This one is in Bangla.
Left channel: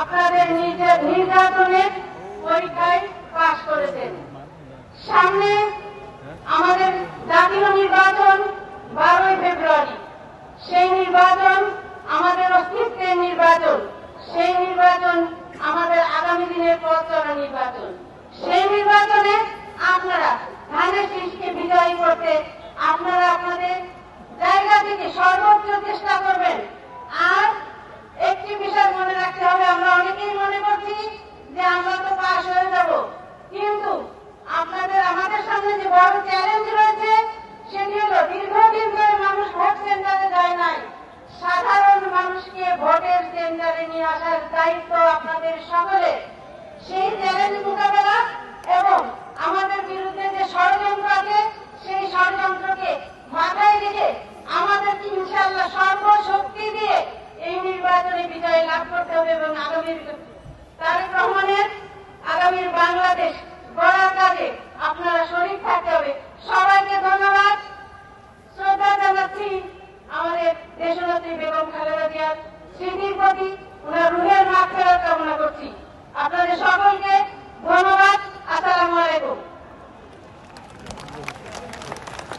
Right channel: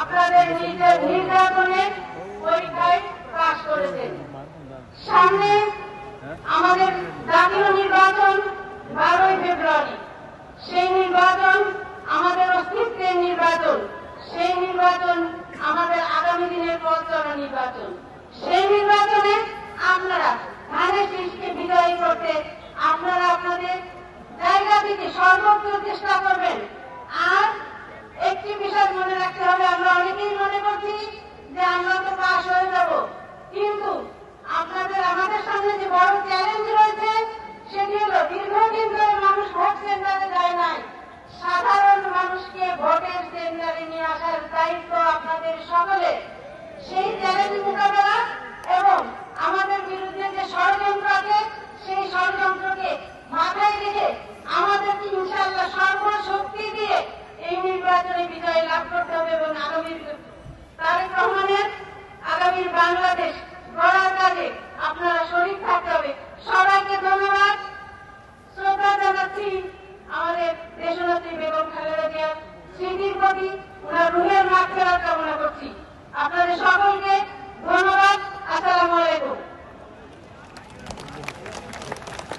আপনাদের নিজের নির্বাচনের পরীক্ষায় পাশ করেছেন। সামনে আমাদের জাতীয় নির্বাচন 12ই ফেব্রুয়ারি। সেই নির্বাচন আমাদের অস্তিত্বের নির্বাচন, সেই নির্বাচন আমাদের আগামী দিনের পথ চলা নির্বাচন। সেই নির্বাচনে আপনারা ধানের শীষকে বিজয়ী করতে আপনারা আপনাদের জায়গা থেকে সর্বোচ্চ চেষ্টা করবেন। আর একটি বিষয় মনে রাখতে হবে, আমরা অনেকেই মনে করছি যে আমরা তো পাশ হয়ে যাব, কিন্তু আমাদের সামনে যে বড় চ্যালেঞ্জ রয়েছে সেটি হলো দীর্ঘদিন ধরে মানুষ ভোট সেন্টারে যায় নাই। সাধারণ মানুষকে ভোটের সেন্টারে নিয়ে আসার দায়িত্ব আপনাদের সকলের। সেই চ্যালেঞ্জ মোকাবেলা এবং আমাদের বিরুদ্ধে যে ষড়যন্ত্র আছে সেই ষড়যন্ত্রকে মাথায় রেখে আমাদেরকে ইনশাআল্লাহ সর্বশক্তি দিয়ে এই নির্বাচনে বিজয় লাভ করতে হবে এবং আগামীর তারেক রহমানের আগামীর বাংলাদেশ গড়ার কাজে আপনারা শরীক থাকতে হবে। সবাইকে ধন্যবাদ, শ্রদ্ধা জানাচ্ছি আমাদের দেশনেত্রী বেগম খালেদা জিয়ার স্মৃতির প্রতি, ওনার রুহের মাগফিরাত কামনা করছি। আপনাদের